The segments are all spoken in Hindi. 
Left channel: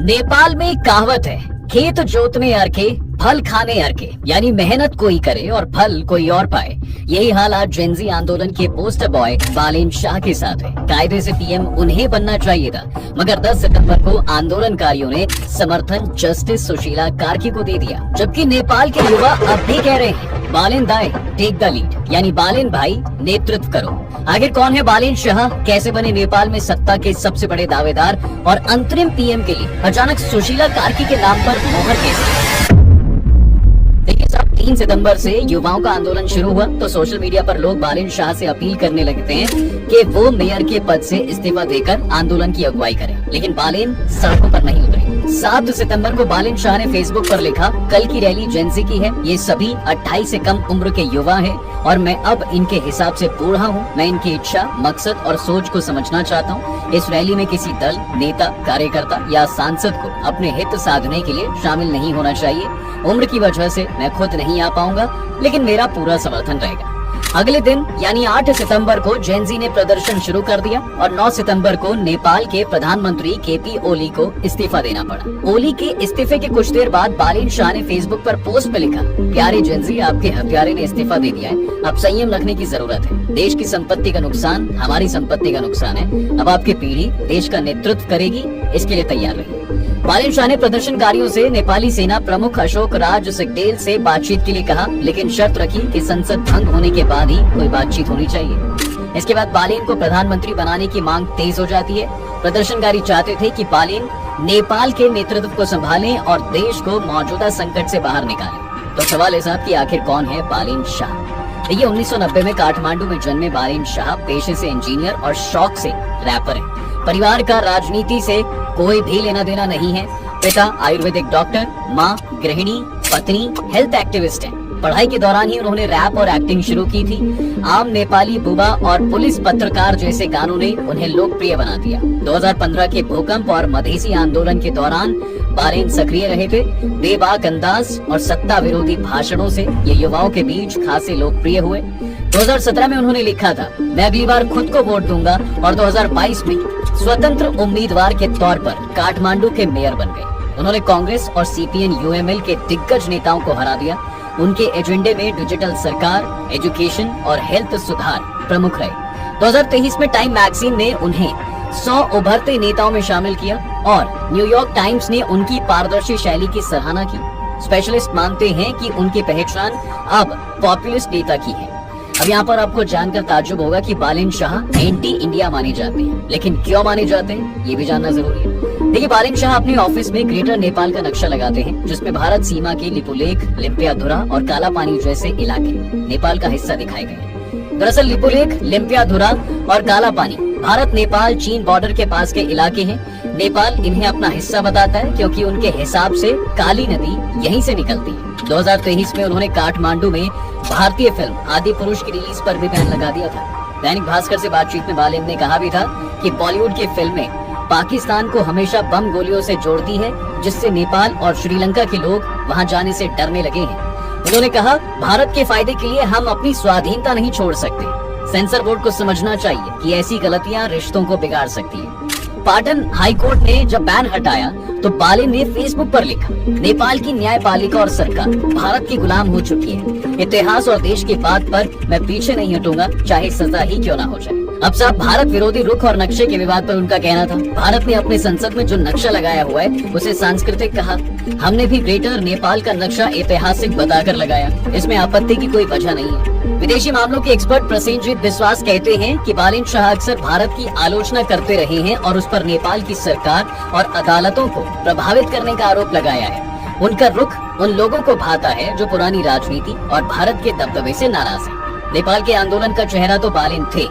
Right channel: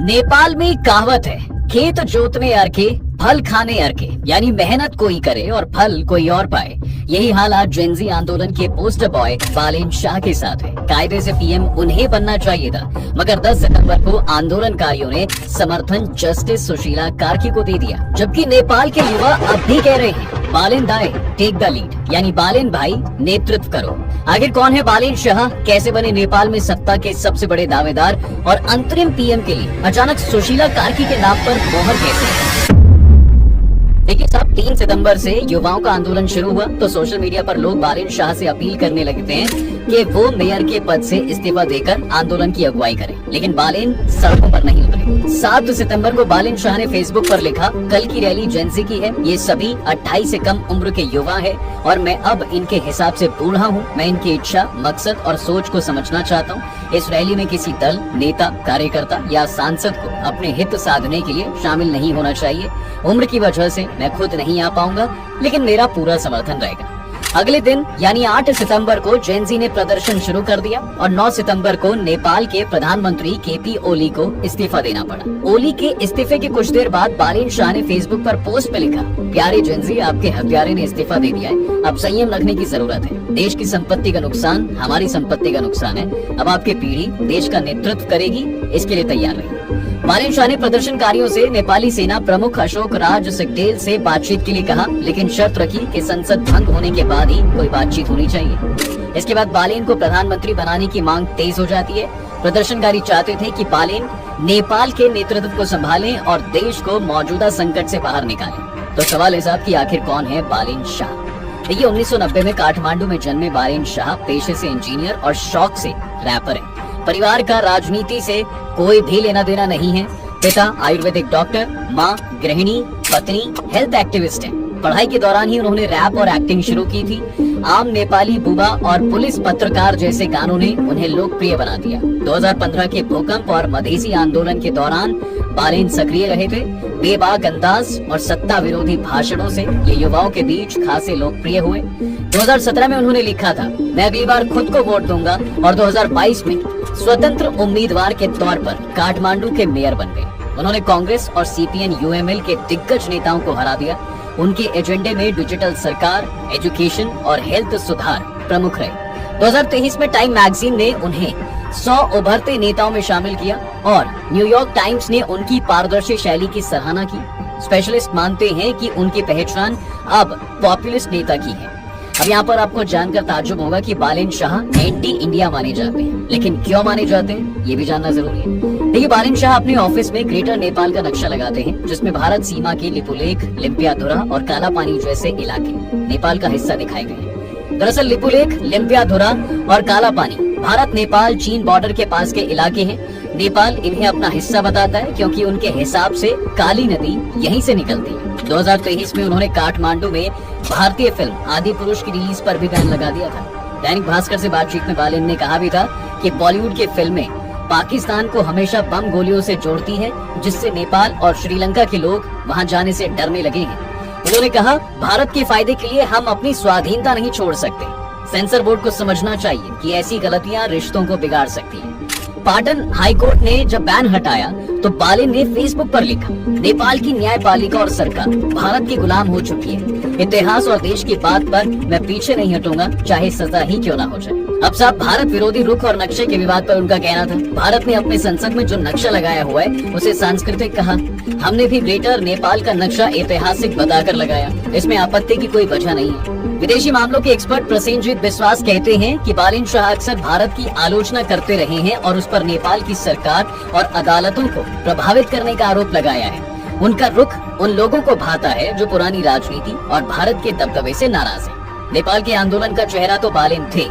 नेपाल में कहावत है, खेत जोतने अरखे फल खाने अरखे, यानी मेहनत कोई करे और फल कोई और पाए। यही हाल आज जेनजी आंदोलन के पोस्टर बॉय बालेन शाह के साथ है। कायदे से पीएम उन्हें बनना चाहिए था, मगर 10 सितंबर को आंदोलनकारियों ने समर्थन जस्टिस सुशीला कार्की को दे दिया, जबकि नेपाल के युवा अब भी कह रहे हैं बालेन दाई टेक द लीड, यानी बालेन भाई नेतृत्व करो। आखिर कौन है बालेन शाह, कैसे बने नेपाल में सत्ता के सबसे बड़े दावेदार और अंतरिम पीएम के लिए अचानक सुशीला कार्की के नाम पर मोहर कैसे? देखिए साहब, 3 सितंबर से युवाओं का आंदोलन शुरू हुआ तो सोशल मीडिया पर लोग बालेन शाह से अपील करने लगते हैं कि वो मेयर के पद से इस्तीफा देकर आंदोलन की अगुवाई करें, लेकिन बालेन सड़कों पर नहीं उतरे। 7 सितंबर को बालेन शाह ने फेसबुक पर लिखा, कल की रैली जेनजी की है, ये सभी 28 से कम उम्र के युवा है और मैं अब इनके हिसाब से बूढ़ा हूँ। मैं इनकी इच्छा, मकसद और सोच को समझना चाहता हूँ। इस रैली में किसी दल, नेता, कार्यकर्ता या सांसद को अपने हित साधने के लिए शामिल नहीं होना चाहिए। उम्र की वजह से मैं खुद नहीं आ पाऊंगा, लेकिन मेरा पूरा समर्थन रहेगा। अगले दिन यानी 8 सितंबर को जेनजी ने प्रदर्शन शुरू कर दिया और 9 सितंबर को नेपाल के प्रधानमंत्री केपी ओली को इस्तीफा देना पड़ा। ओली के इस्तीफे के कुछ देर बाद बालेन शाह ने फेसबुक पर पोस्ट में लिखा, प्यारे जेनजी, आपके हत्यारे ने इस्तीफा दे दिया है, अब संयम रखने की जरूरत है। देश की संपत्ति का नुकसान हमारी संपत्ति का नुकसान है। अब आपकी पीढ़ी देश का नेतृत्व करेगी, इसके लिए तैयार रहिए। बालेन शाह ने प्रदर्शनकारियों से नेपाली सेना प्रमुख अशोक राज सिग्देल से बातचीत के लिए कहा, लेकिन शर्त रखी कि संसद भंग होने के बाद ही कोई बातचीत होनी चाहिए। इसके बाद बालेन को प्रधानमंत्री बनाने की मांग तेज हो जाती है। प्रदर्शनकारी चाहते थे कि बालेन नेपाल के नेतृत्व को संभालें और देश को मौजूदा संकट से बाहर निकालें। तो सवाल है साहब कि आखिर कौन है बालेन शाह? देखिए, 1990 में काठमांडू में जन्मे बालेन शाह पेशे से इंजीनियर और शौक से रैपर है। परिवार का राजनीति से कोई भी लेना देना नहीं है। पिता आयुर्वेदिक डॉक्टर, माँ गृहिणी, पत्नी हेल्थ एक्टिविस्ट है। पढ़ाई के दौरान ही उन्होंने रैप और एक्टिंग शुरू की थी। आम नेपाली बुबा और पुलिस पत्रकार जैसे गानों ने उन्हें लोकप्रिय बना दिया। 2015 के भूकंप और मधेसी आंदोलन के दौरान बालेन सक्रिय रहे थे। बेबाक अंदाज और सत्ता विरोधी भाषणों से ये युवाओं के बीच खासे लोकप्रिय हुए। 2017 में उन्होंने लिखा था, मैं अगली बार खुद को वोट दूंगा, और 2022 में स्वतंत्र उम्मीदवार के तौर पर काठमांडू के मेयर बन गए। उन्होंने कांग्रेस और सीपीएन यूएमएल के दिग्गज नेताओं को हरा दिया। उनके एजेंडे में डिजिटल सरकार, एजुकेशन और हेल्थ सुधार प्रमुख रहे। 2023 में टाइम मैगजीन ने उन्हें 100 उभरते नेताओं में शामिल किया और न्यूयॉर्क टाइम्स ने उनकी पारदर्शी शैली की सराहना की। स्पेशलिस्ट मानते हैं कि उनकी पहचान अब पॉपुलिस्ट नेता की है। अब यहाँ पर आपको जानकर ताज्जुब होगा कि बालेन शाह एंटी इंडिया माने जाते हैं, लेकिन क्यों माने जाते हैं ये भी जानना जरूरी है। देखिए, बालेन शाह अपने ऑफिस में ग्रेटर नेपाल का नक्शा लगाते हैं, जिसमें भारत सीमा के लिपुलेख, लिम्पियाधुरा और कालापानी जैसे इलाके नेपाल का हिस्सा दिखाए गए हैं। दरअसल लिपुलेख, लिम्पियाधुरा और कालापानी भारत नेपाल चीन बॉर्डर के पास के इलाके हैं। नेपाल इन्हें अपना हिस्सा बताता है क्योंकि उनके हिसाब से काली नदी यहीं से निकलती है। 2023 में उन्होंने काठमांडू में भारतीय फिल्म आदि पुरुष की रिलीज पर भी बैन लगा दिया था। दैनिक भास्कर से बातचीत में बालेन ने कहा भी था कि बॉलीवुड की फिल्में पाकिस्तान को हमेशा बम गोलियों से जोड़ती है, जिससे नेपाल और श्रीलंका के लोग वहां जाने से डरने लगे हैं। उन्होंने कहा, भारत के फायदे के लिए हम अपनी स्वाधीनता नहीं छोड़ सकते। सेंसर बोर्ड को समझना चाहिए कि ऐसी गलतियां रिश्तों को बिगाड़ सकती है। पाटन हाई कोर्ट ने जब बैन हटाया तो बालेन ने फेसबुक पर लिखा, नेपाल की न्यायपालिका और सरकार भारत के गुलाम हो चुकी है। इतिहास और देश की बात पर मैं पीछे नहीं हटूंगा, चाहे सजा ही क्यों ना हो जाए। अब साहब, भारत विरोधी रुख और नक्शे के विवाद पर उनका कहना था, भारत ने अपने संसद में जो नक्शा लगाया हुआ है उसे सांस्कृतिक कहा। हमने भी ग्रेटर नेपाल का नक्शा ऐतिहासिक बताकर लगाया, इसमें आपत्ति की कोई वजह नहीं है। विदेशी मामलों के एक्सपर्ट प्रसेनजीत विश्वास कहते हैं कि बालेन शाह अक्सर भारत की आलोचना करते रहे हैं और उस पर नेपाल की सरकार और अदालतों को प्रभावित करने का आरोप लगाया है। उनका रुख उन लोगों को भाता है जो पुरानी राजनीति और भारत के दबदबे से नाराज है। नेपाल के आंदोलन का चेहरा तो बालेन थे,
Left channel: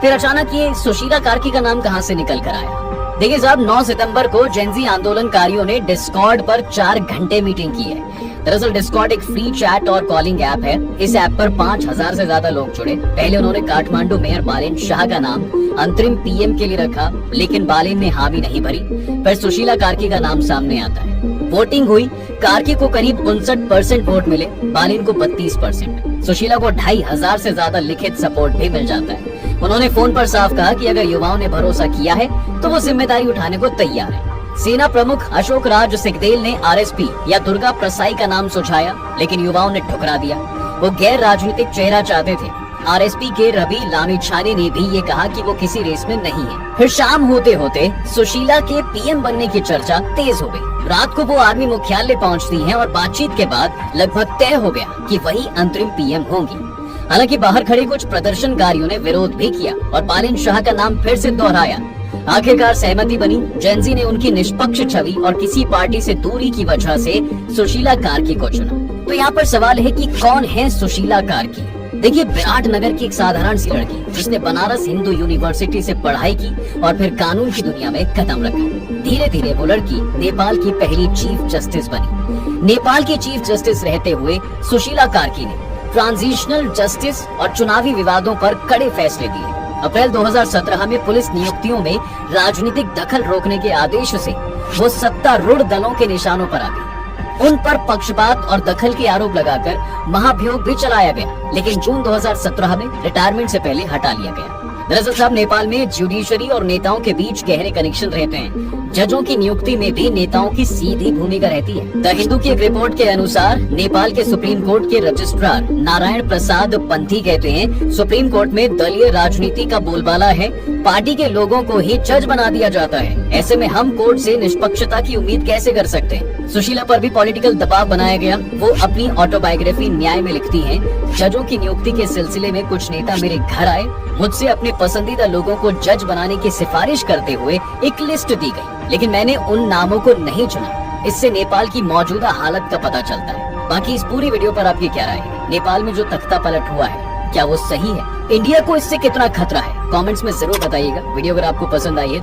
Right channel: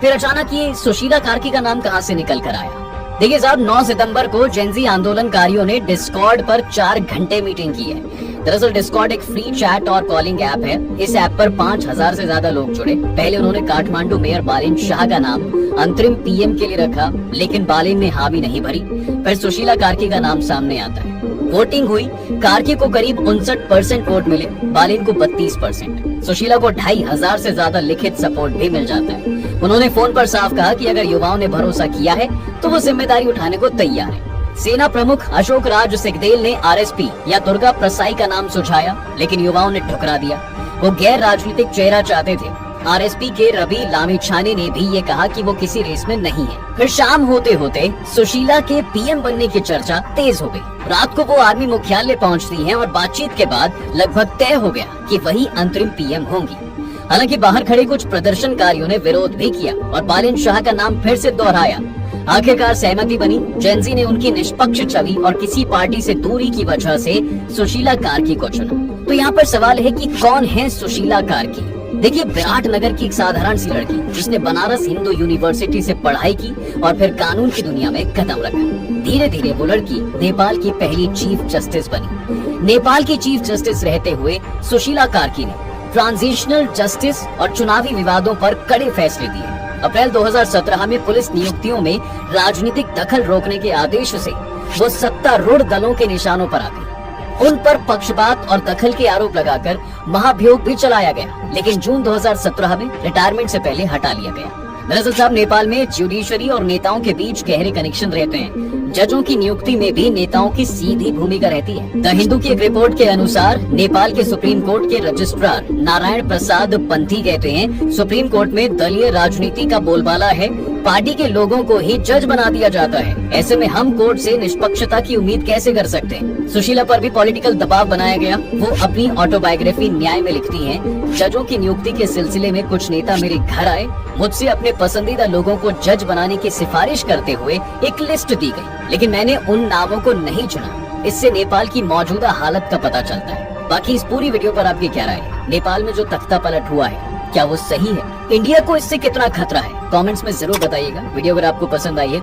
फिर अचानक ये सुशीला कार्की का नाम कहां से निकल कर आया? देखिए साहब, 9 सितंबर को जेनजी आंदोलनकारियों ने डिस्कॉर्ड पर 4 घंटे मीटिंग की है। दरअसल डिस्कॉर्ड एक फ्री चैट और कॉलिंग ऐप है। इस ऐप पर 5000 से ज्यादा लोग जुड़े। पहले उन्होंने काठमांडू मेयर बालेन शाह का नाम अंतरिम पीएम के लिए रखा, लेकिन बालेन ने हामी नहीं भरी। फिर सुशीला कार्की का नाम सामने आता है। वोटिंग हुई, कार्की को करीब 59% वोट मिले, बालेन को 32%। सुशीला को 2500 से ज्यादा लिखित सपोर्ट भी मिल जाता है। उन्होंने फोन पर साफ कहा कि अगर युवाओं ने भरोसा किया है तो वो जिम्मेदारी उठाने को तैयार है। सेना प्रमुख अशोक राज सिकदेल ने आरएसपी या दुर्गा प्रसाई का नाम सुझाया, लेकिन युवाओं ने ठुकरा दिया। वो गैर राजनीतिक चेहरा चाहते थे। आरएसपी के रवि लामिछाने ने भी ये कहा कि वो किसी रेस में नहीं है। फिर शाम होते होते सुशीला के पीएम बनने की चर्चा तेज हो गई। रात को वो आर्मी मुख्यालय पहुंचती हैं और बातचीत के बाद लगभग तय हो गया कि वही अंतरिम पीएम होंगी। हालांकि बाहर खड़े कुछ प्रदर्शनकारियों ने विरोध भी किया और बालिन शाह का नाम फिर से दोहराया। आखिरकार सहमति बनी। जेनजी ने उनकी निष्पक्ष छवि और किसी पार्टी से दूरी की वजह से सुशीला कार्की को चुना। तो यहाँ पर सवाल है कि कौन है सुशीला कार्की? देखिए, विराट नगर की एक साधारण सी लड़की जिसने बनारस हिंदू यूनिवर्सिटी से पढ़ाई की और फिर कानून की दुनिया में कदम रखा। धीरे धीरे वो लड़की नेपाल की पहली चीफ जस्टिस बनी। नेपाल की चीफ जस्टिस रहते हुए सुशीला कार्की ने ट्रांजिशनल जस्टिस और चुनावी विवादों पर कड़े फैसले दिए। अप्रैल 2017 में पुलिस नियुक्तियों में राजनीतिक दखल रोकने के आदेश से वो सत्तारूढ़ दलों के निशानों पर आ गई। उन पर पक्षपात और दखल के आरोप लगाकर महाभियोग भी चलाया गया, लेकिन जून 2017 में रिटायरमेंट से पहले हटा लिया गया। दरअसल साहब, नेपाल में जुडिशरी और नेताओं के बीच गहरे कनेक्शन रहते हैं। जजों की नियुक्ति में भी नेताओं की सीधी भूमिका रहती है। द हिंदू की एक रिपोर्ट के अनुसार नेपाल के सुप्रीम कोर्ट के रजिस्ट्रार नारायण प्रसाद पंथी कहते हैं, सुप्रीम कोर्ट में दलीय राजनीति का बोलबाला है। पार्टी के लोगों को ही जज बना दिया जाता है। ऐसे में हम कोर्ट से निष्पक्षता की उम्मीद कैसे कर सकते हैं? सुशीला पर भी पॉलिटिकल दबाव बनाया गया। वो अपनी ऑटोबायोग्राफी न्याय में लिखती हैं, जजों की नियुक्ति के सिलसिले में कुछ नेता मेरे घर आए, मुझसे अपने पसंदीदा लोगों को जज बनाने की सिफारिश करते हुए एक लिस्ट दी गई, लेकिन मैंने उन नामों को नहीं चुना। इससे नेपाल की मौजूदा हालत का पता चलता है। बाकी इस पूरी वीडियो पर आपकी क्या राय है? नेपाल में जो तख्ता पलट हुआ है, क्या वो सही है? इंडिया को इससे कितना खतरा है? कमेंट्स में जरूर बताइएगा। वीडियो अगर आपको पसंद आई है